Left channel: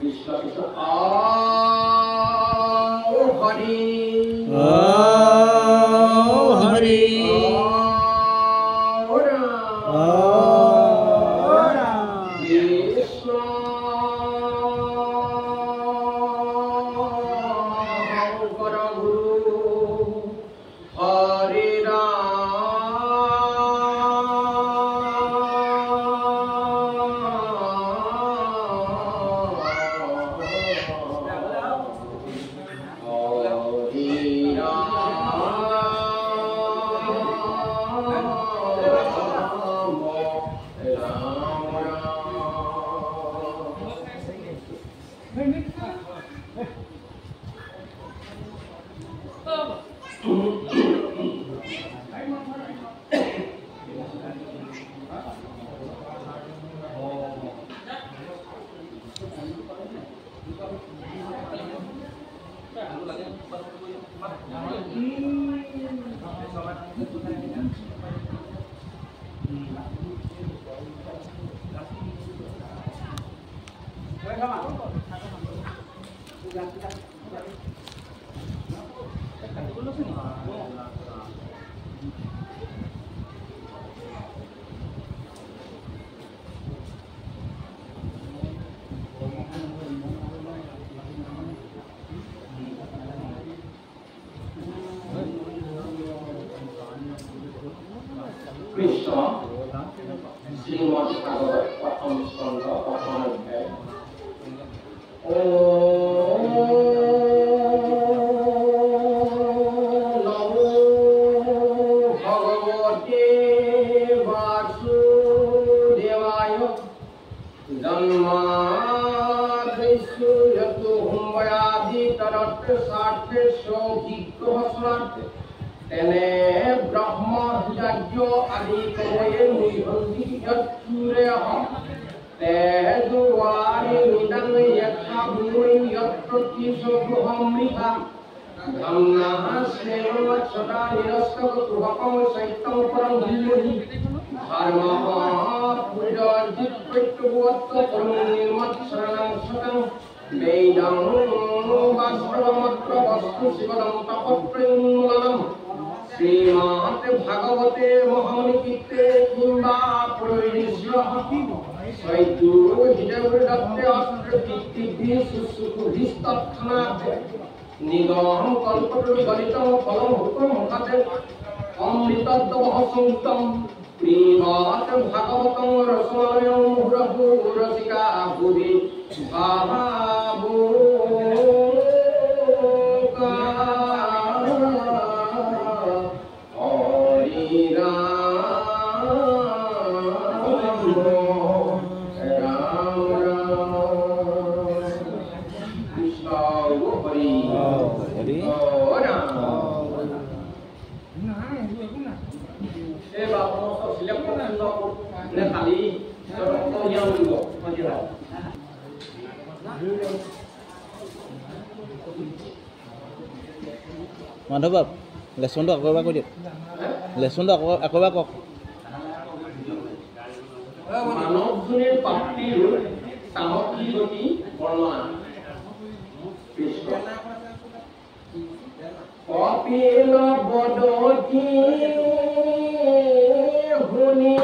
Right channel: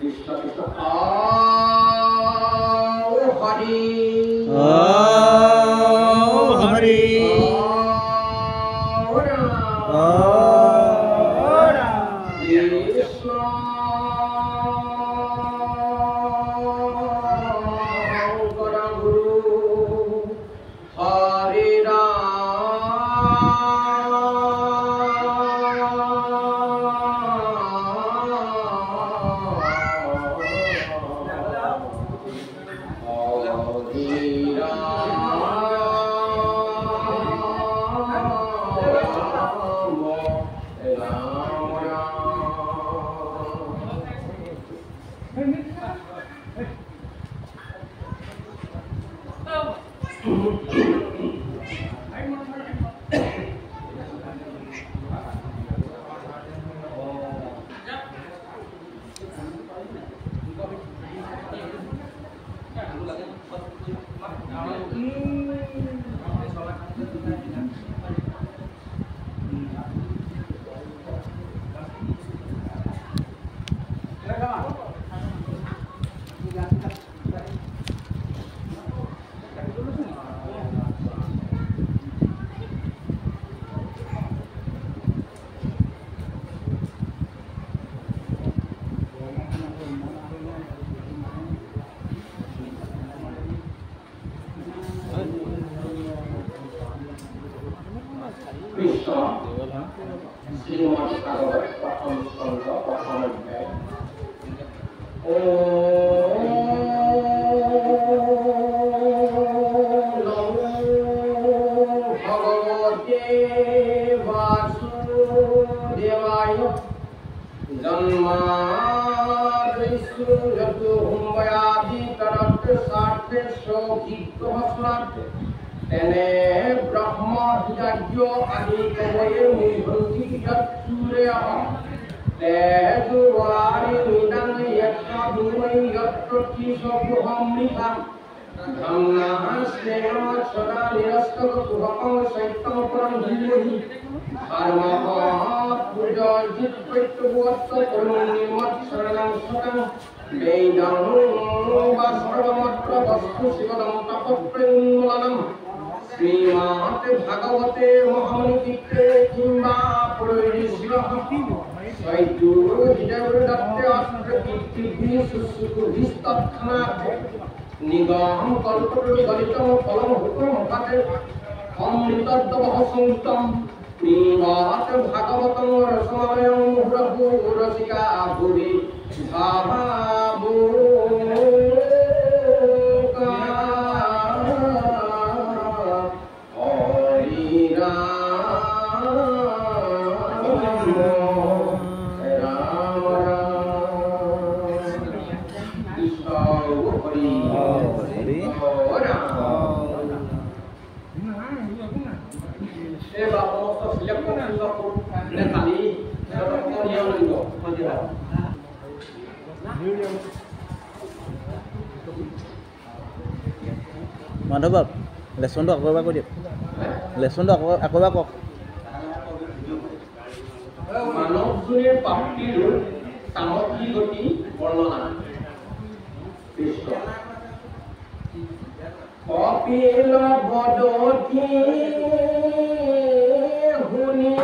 কৃষ্ণ কৃষ্ণ হরি হরি কৃষ্ণ শ্রীমদ ভাগবত প্রথম স্কন্ধ প্রথম অধ্যায় নমো ভগবতে বাসুদেবায় জন্মাদ্রিষু যতু হুম্বয়াদি তরত স্বার্থে সৌভিজ্ঞ তেনে ব্রহ্ম যজ্ঞ আদি কবয়ে নিভন্তি যৎসূরয়ঃ তেজুবারি মিদং যত্র বিমৈ যত্র কিশোভমৃতা ধন্নাস্নেন সদা নিরস্তক কুহকং শৈত্যং পরং ধীমহি ধর্মঃ পূজয়িত প্রত্যবত্ত পরম নির্মৎসরণং সতং বেদং বাস্তবমত্র বস্তু শিবদং তপপ্রেমূলনম শ্রীমদ ভাগবতে মহামুনিকৃতে কিংবা পুরৈরিশ্রহ সৈতু হৃদয়দত্তে অস্ত্র কীর্তিভি সুসুকুভিস্তৎক্ষণাৎ নিগম কল্পতরু গলিতম ফলম হুতম মুখাতে অমৃতদ্বহ সংযুক্তম শ্রীমদ ভাগবতং রসমালয়ং মুহুরহু রসিকা ভুরি ভাভাবো মাধৱ বাপ লেচনটো আকৌ এবাৰ কৈ দিয়ক লেচনটো আকৌ এবাৰ কওক মানৱ যোনিৰ প্ৰাপ্তিৰ সামগ্ৰী গতি বৰ্ণনা কৃষ্ণ কপিল বদতি শুনি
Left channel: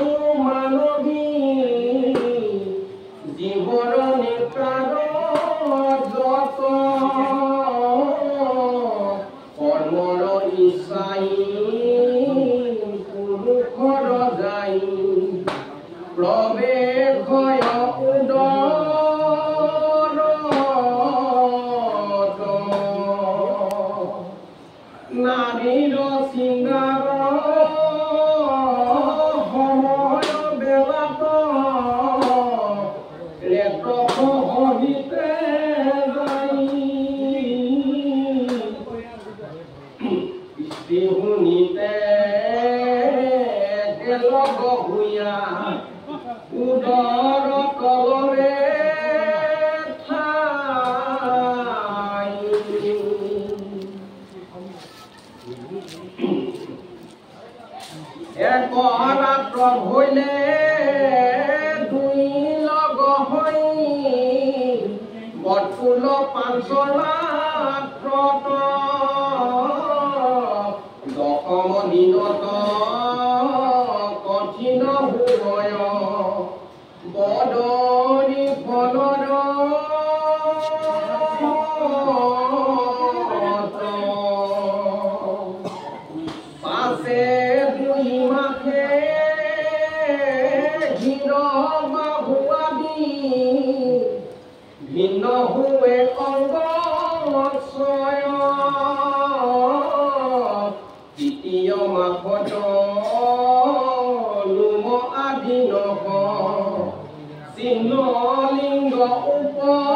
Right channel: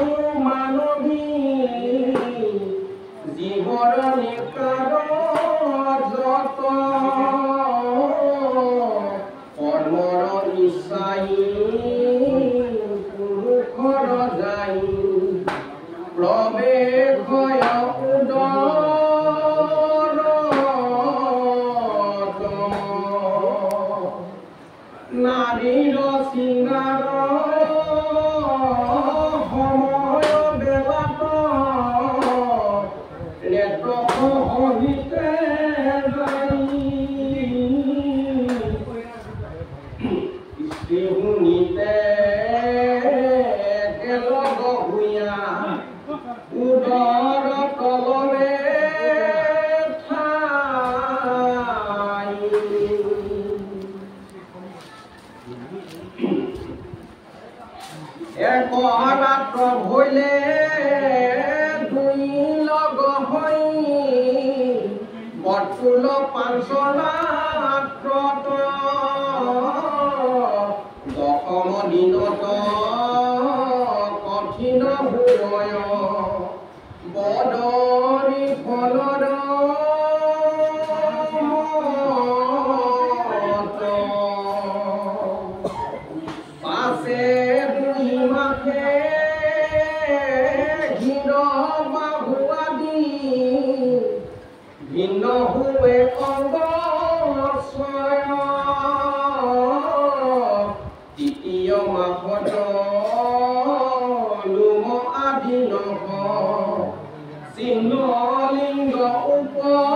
মানৱী জীৱৰ নিকাৰ যত কৰ্মৰ ইচ্ছাই পুৰুষৰ যাই প্ৰৱেশয় উদৰত নাৰীৰ সিংগাৰ সময় বেলাত লেতক সহিতে যাই স্ত্ৰী শুনিতে তেলক ভূঞা আকুল পাঞ্চৰাত্ৰত দশম দিনত কঠিন ভূময় বদৰি ফলৰ পাছে দুই মাখে ঘিৰ বাহু আদি ভিন্ন হুৱে অংগ তৃতীয় মাঘত লোম আদি নহ চিহ্ন লিংগ উপজয়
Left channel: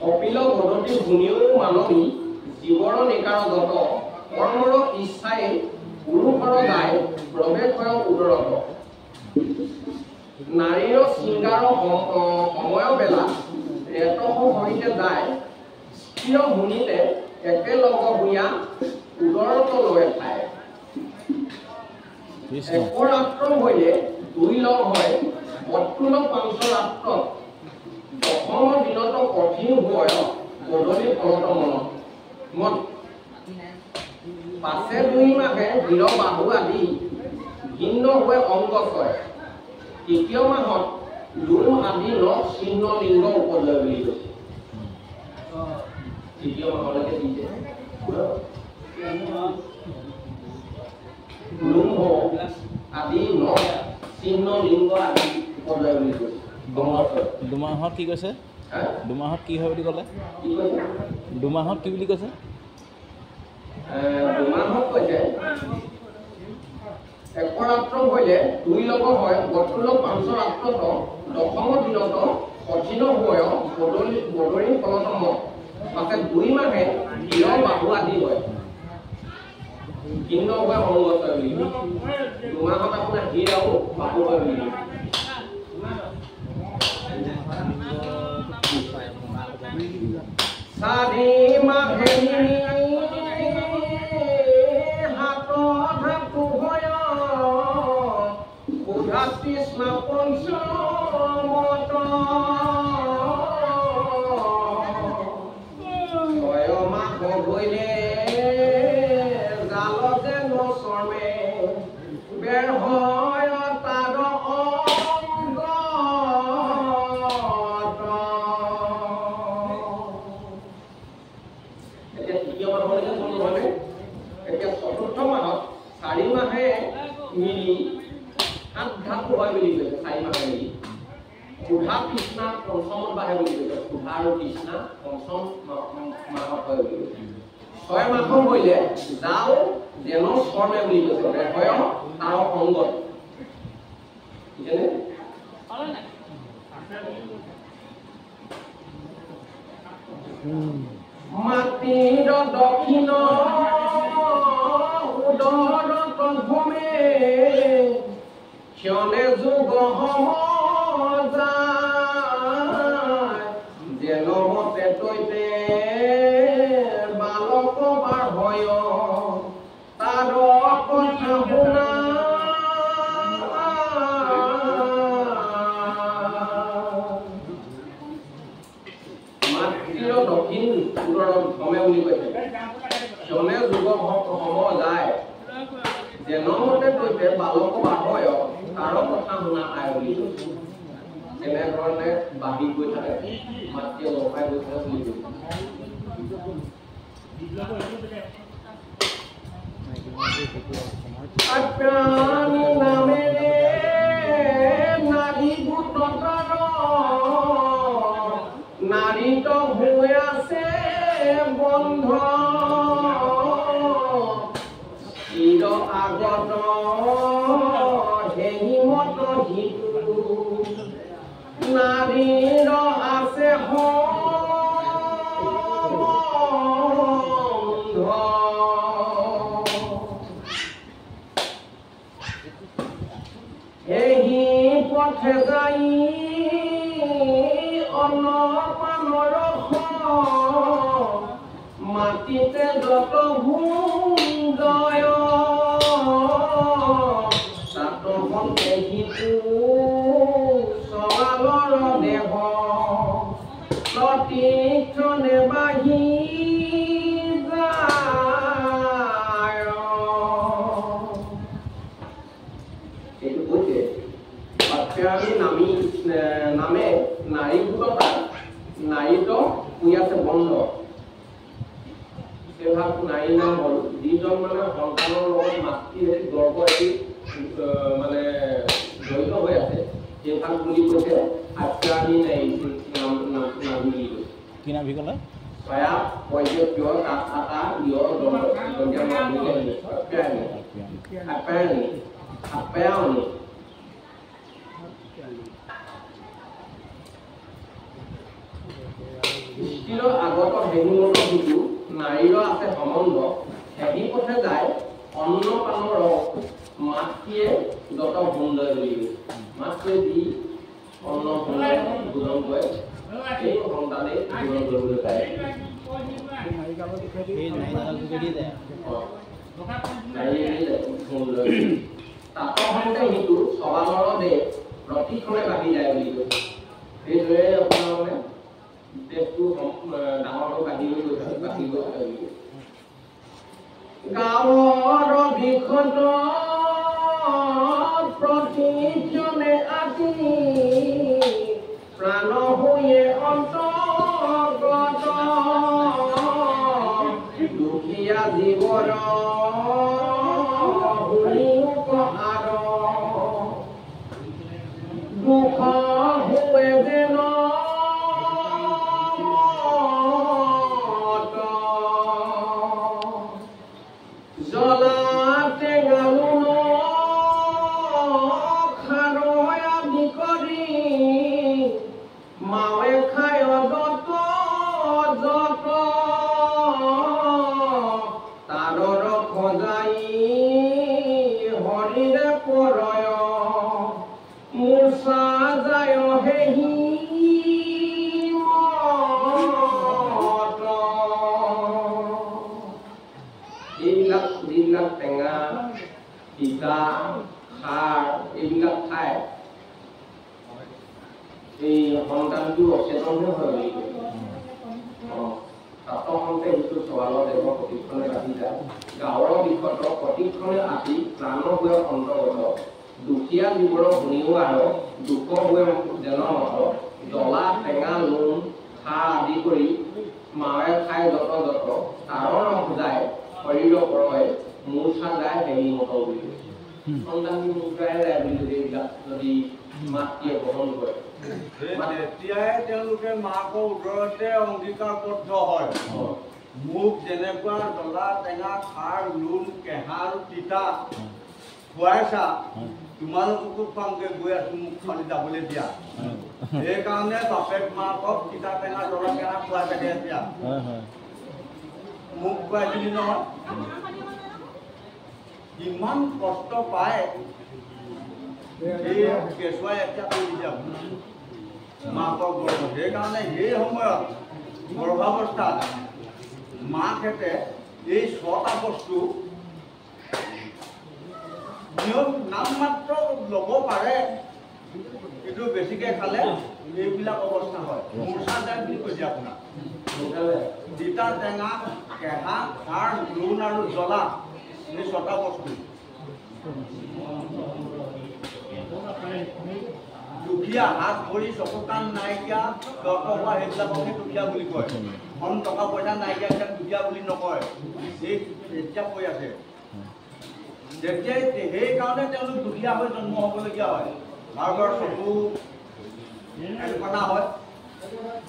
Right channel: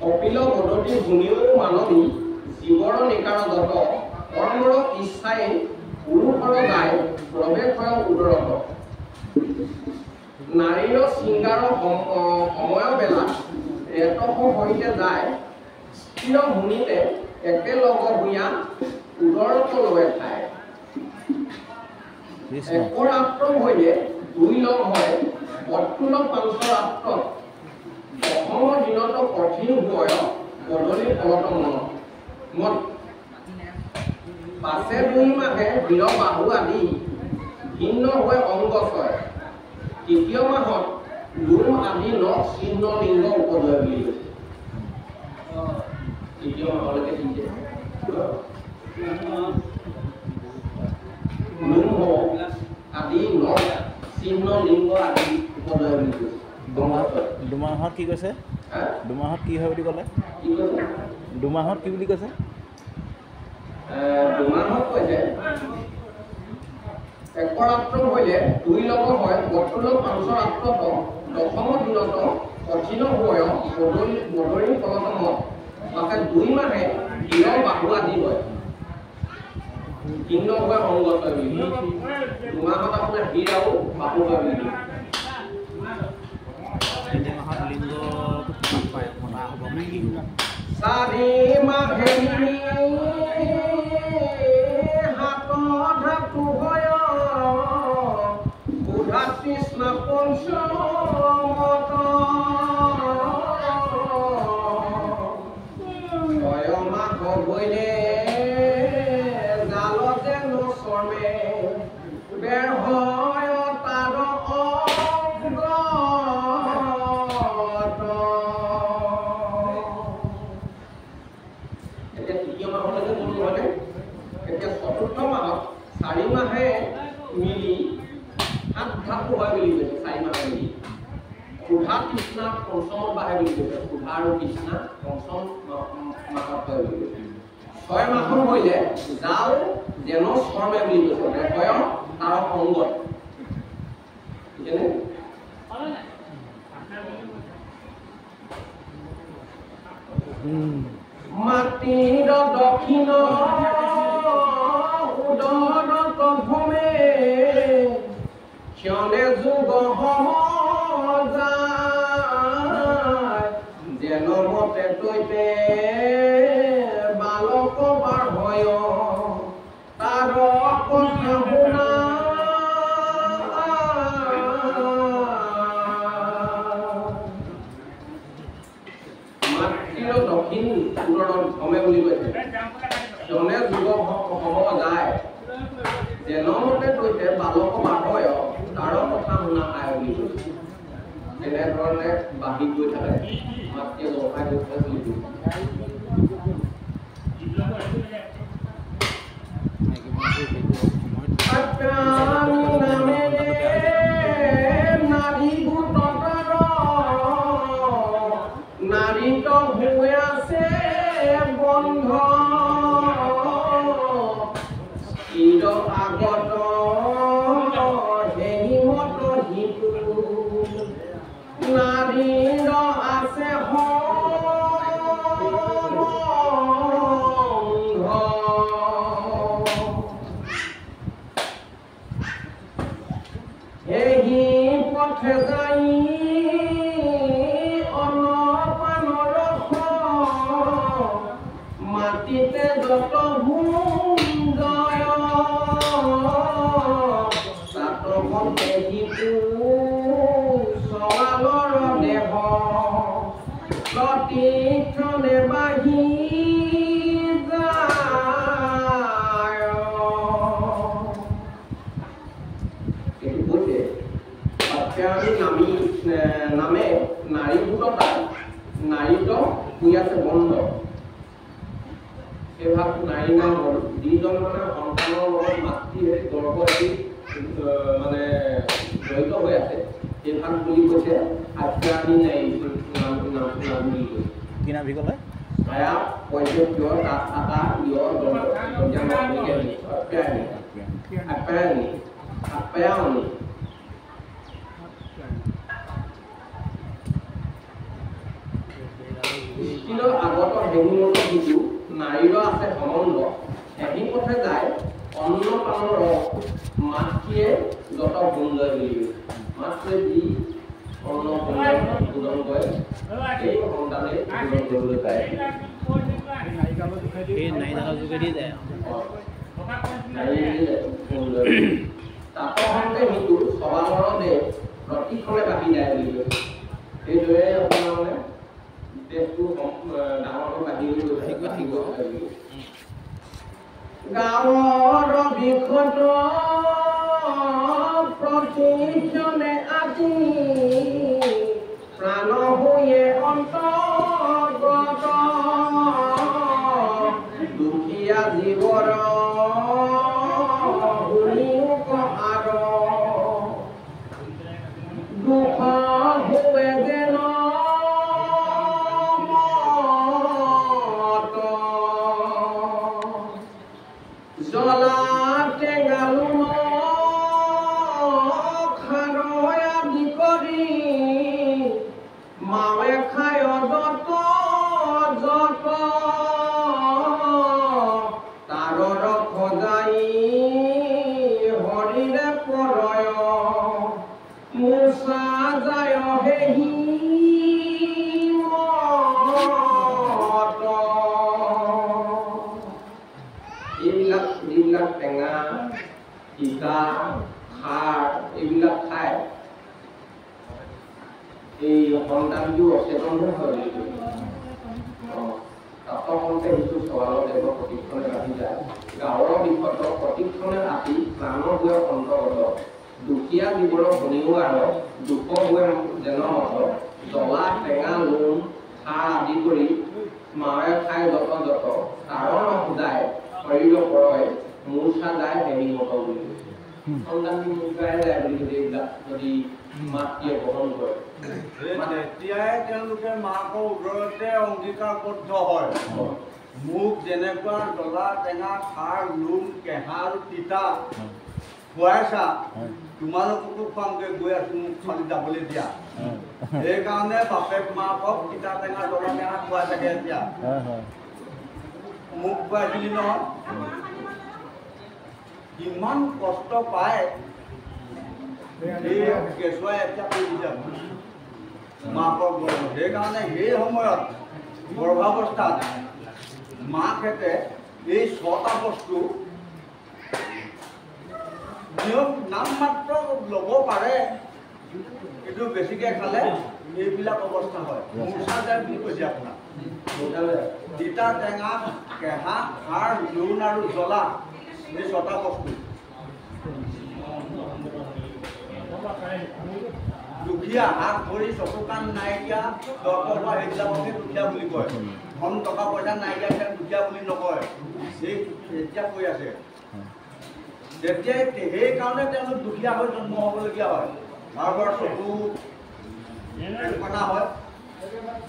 কপিল গদতি শুনিও মানৱী জীৱৰ নিকাৰগত কৰ্মৰ ইচ্ছাই পুৰুষৰ গায় প্ৰৱেশয় উদৰত নাৰীৰ শৃংগাৰ সময় বেলাত ৰেতস সহিতে যায় স্থিৰ শুনিতে একেলগ ভূঞা উদৰত লয় ঠাই একৰাত্ৰ হৈয়ে দুই লগ হয় অতুল পাঞ্চৰাত্ৰত দশম দিনত কঠিন ভয় বদলি ফলত মত পাছে দুই মাহে বীৰ বাহু আদি ভিন্ন হৈ অংগ ছয় তৃতীয় মাহত লোম আদি ন চিহ্ন লিংগ উপজয় বুলি কৈছে তৃতীয় মাহলৈকে দিছে লোম আদি ন চিহ্ন লিংগ আদি উপজয় বুলি কৈছে দুমাহত কি কৈছে দুমাহত কি হয় বুলি ক'লে দুমাহত কি বুলি কৈছে দুমাহত কৈছে একৰাত্ৰ হ'লে দুই লগ হয় বতুল পাঞ্চৰাত্ৰত দশম দিনত কঠিন ভয় বদৰি ফলত মত পাছে দুই মাহে বীৰ বাহু আদি হয় ভিন্ন হয় অংগ হয় বুলি দুমাহত আপোনাৰ হীৰ আৰু বাহু হয় বুলি চাৰি মাহে কৃষ্ণ পঞ্চমত ছয় মাহ গৈলে জালতে নচৰ্মে বেৰ হয় তাৰ এতিয়া তৃতীয় মাহলৈকে গ'লো হয়নে এতিয়া চতুৰ্থ মাহত 4 মাহে মিলি সাত ধাতু হয় বুলি কৈছে 4 মাহে মিলি সুধা কৃষ্ণা পঞ্চমত বাহে বুলি কৈছে সুধা আৰু কৃষ্ণা পঞ্চম মাহত হয় বুলি কৈছে 6 মাহ হইলে জাল যেন শৰ্মে বুলি কৈছে হয় তাৰ অংগত ঠিকনে মাটিৰ দক্ষিণ উদৰত ভূমে ক্ষণে যুগ যায় যেন মতে তৈতে বালক বাৰ হয় তাৰ কথা শুনা মাতৃৰ দক্ষিণ উদৰত ভূমে বুলি কৈছে ক্ষণে যুগ যায় যেন মতে তৈতে বালক বাৰ হয় তাৰ কথা শুনা আয় বুলি কৈছে এনেধৰণে বাঢ়ি গৈ থাকে মাতৃয়ে লগাই গৈ থাকে বুলি কৈছে আকানি নামেৰে নাৰী গোটৰ নাৰীত হৈ আছে বন্ধ চিৰ আগত হেৰিমত হিতু নাৰীৰ আছে এই পথে যাই অনপানৰ মাটিতে যত ভূঞ্জয় সেই ভাগ নাৰী নাম হ'ল যিজন মানে সন্তানৰ লগত মাতৃ গৰ্ভ এটি মানে জড়িত হৈ আছে সেই ভাগ বুলি কৈছে আত্যানি নাৰী নাম বুলি কৈছে কি নাম ভি ক'লে saya wajib jual kata jual yang mau begini apa ini Kilo আগত হেঙুমত কিন্তু নাৰীৰ আছে সম্বন্ধ সেই পথে যায় অন্ন পানৰ মাতৃয়ে যত গুণ লয় বুলি মাতৃয়ে দি অন্ন ভোজন কৰে এই সন্তানে ভোজন কৰিবলৈ পায় তাপসন্তে সিটো সবালৰ দে প্ৰতিক্ষণে বাঢ়ি যায় বুলি কৈছে সেইদৰে আপোনাৰ মানে দেশটো ডাঙৰকৈ বাঢ়ি গৈ গাঁৱৰ বিষত প্ৰতিজনে আদি প্ৰাণ হৈয়ে অন্তৰ্গত দুখীয়া জীৱৰ হুলিকাৰ দুখ হুৱে যেন জলা টেঙালু খাৰৈ আদি কৰি মাৱে খায় যত যত তাৰৰ সজাই হৰিৰে পৰয় মূৰ্ছা যায় হেহি এইবিলাক যিবিলাক টেঙা তিতা খাৰ এইবিলাক খায় এই সন্তানটো অচেতন হৈ পৰে তাপসন্তে সেইটো চৱালৰ দেহ প্ৰতিক্ষণে বাঢ়ি যায় গাঁৱৰ বিষত প্ৰতিক্ষণে আতি প্ৰাণ হৈ অন্তৰ্গত দুখীয়া জীৱৰ শুনিও আৰু দুখ হৈ যেন মত জ্বলা টেঙা লুণ খাৰ আদি কৰি মাৱে খাই যত যত তাৰৰ নসুজায় শৰীৰ পৰয় মূৰ্ছা যায় হেৰি মত বুলি সন্তানটি মূৰ্ছাই যায় বুলি কৈছে এইবিলাক যদি মাতৃয়ে গ্ৰহণ কৰে তেতিয়াই তেওঁলোকে মাকৰ উদৰতে অংগীকাৰবদ্ধ হয় মোক যেনেকুৱা জ্বলা টেঙা খাৰ লুণ কেঁহা আৰু তিতা খুৱাইছা তোমালোককো খুৱামগৈ গৈ আছো মোক খালি যাবলৈ দিয়া সেইকাৰণে বাপেক মাকক তিতা টেঙা জ্বলা টেঙা খুৱাই থাকে এতিয়া মোক খুৱাইছিলি নহয় কিমান কষ্ট পায় সেই কেঁচুৱাই এতিয়া কৰি দিছে মাকৰ গৰ্ভত সেইকাৰণে সেই সময়ত গৰ্ভাৱস্থাত মাকহেঁতে এই 6টা বস্তু নিয়ম নাম মাত্ৰ ল'ব পাৰে কিন্তু বেছিকৈ খালে এইবিলাক অৱস্থা হয় মূৰ্ছা যায় বুলি কৈছে আপোনাক তিতা টেঙা কেঁহা খাৰ লুণ আৰু জ্বলা এই 6টা বস্তু দুখীয়া হাত ভৰি চকু কাণ নাইকিয়া দৰ্শ হোৱা সেইবিলাককে দুখীয়া বুলি কয় ধন টকা পইচা নাইকিয়া সেইবিলাক দুখীয়া বুলি নকয় এই এতিয়া কৈ আছে তেতিয়াই সেইকাৰণে তেওঁলোক দুখীয়া হৈ জন্ম হ'বলগীয়া হয় কাৰোবাৰ চকু কণা হয়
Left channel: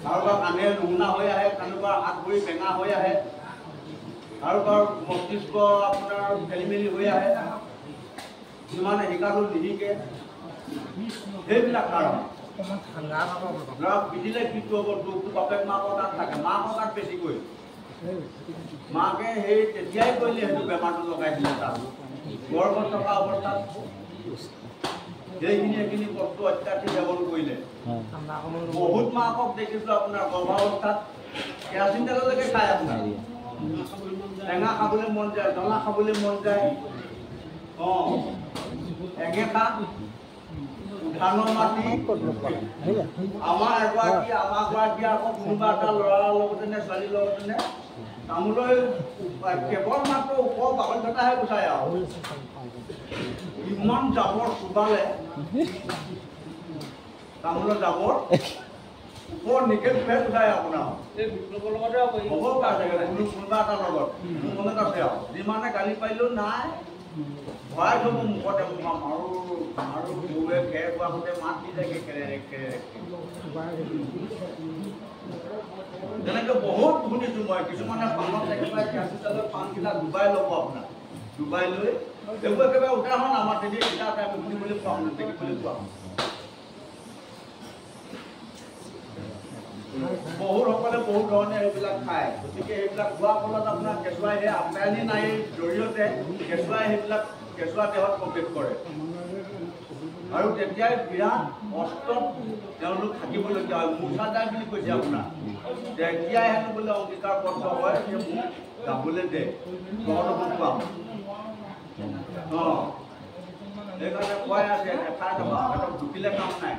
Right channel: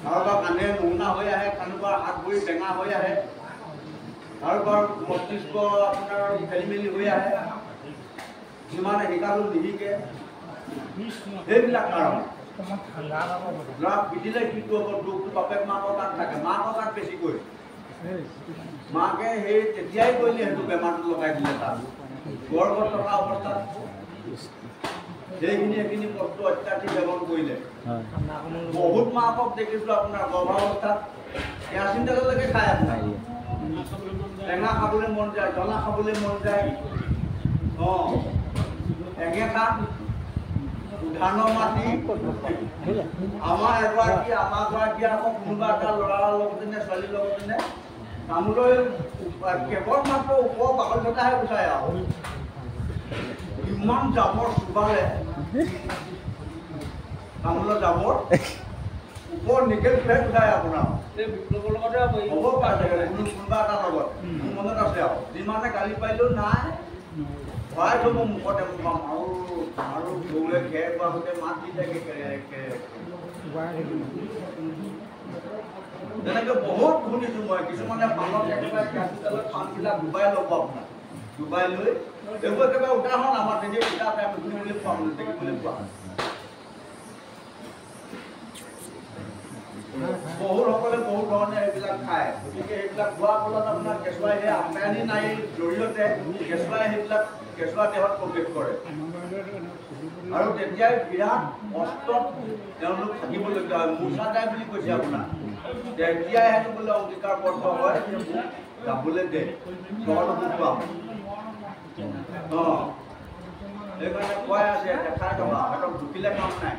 কাৰোবাৰ কাণে নুশুনা হৈ আহে কাৰোবাৰ হাত ভৰি টেঙা হৈ আহে কাৰোবাৰ মস্তিষ্ক আপোনাৰ খেলি মেলি হৈ আহে যিমানে শিকাটো নিশিকে সেইবিলাক কাৰণ ল'ৰা পিটিলে কিটো হ'ব দুখটো বাপেক মাকৰ তাত থাকে মাকৰ তাত বেছিকৈ মাকে সেই তেতিয়াই কৰিলে সেইটো বেমাৰটো লগাই দিলে তাত গৰ্ভত থকা অৱস্থাত সেইখিনি বস্তু অত্যাধিক সেৱন কৰিলে বহুত মাকক দেখিছোঁ আপোনাৰ গৰ্ভাৱস্থাত কেৰাচিন তেললৈকে খায় আপোনাৰ টেঙা খাবলৈ মন যায় জ্বলা খাবলৈ মন যায় এঙেঠা ধানৰ মাটি আমাৰ গৰাকী আকৌ কোনোবা এটা ল'ৰাৰ লগতে নে ছোৱালীৰ লগতে নে তামোলৰ কেৱল মাত্ৰ ওপৰ বাকলিটাহে গুচায় আৰু ইমান জাবৰ চোবালে তামোলৰ জাবৰ বৰ নিকেল ফেট উঠায় আপোনাৰ হ'ব পাৰে চাগে কোনোবা এটাৰ লগত মোৰ মনত আছে আৰু যিমানে গালি পাৰিলেও নাই ভৰাই থ'ব মুখতে মুখাম আৰু গৰুৱে খেৰ খোৱা গোটে মাত দি থাকে তেনেকৈ বহুত শুনিছোঁ মই কিছুমানে পাণত একেবাৰে কেৰাচিন পাণবিলাক ডুবাই ল'ব আপোনাৰ ডুবাই লৈ এইবোৰ একেবাৰে উদাহৰণ আমাৰ তেতিয়া কিতাপ আমি শুনিবলৈ পোৱা দেখিবলৈ পোৱা বহুতসকলে বহুত ধৰণে সেইবিলাক খায় গতিকে সেইবিলাক খোৱাৰ ফলত আপোনাৰ কেঁচুৱাই সেই আমদানি নাৰীৰ জৰিয়তে কেঁচুৱাই সেইবিলাক কেঁচুৱা দেহত প্ৰৱেশ কৰে আৰু তেতিয়াই বিৰাট কষ্টত তেওঁলোক থাকিবলগীয়া হয় মূৰ্ছা যায় বুলি কৈছে আপোনাৰ তেতিয়াই হেনো বোলে অংগীকাৰবদ্ধ হয় যে মোক যাবলৈ দে তহঁতকো খুৱাম সেইকাৰণে খুৱাই আছে দেখাই থকা সিহঁতক ঢুকিলে কাম নাই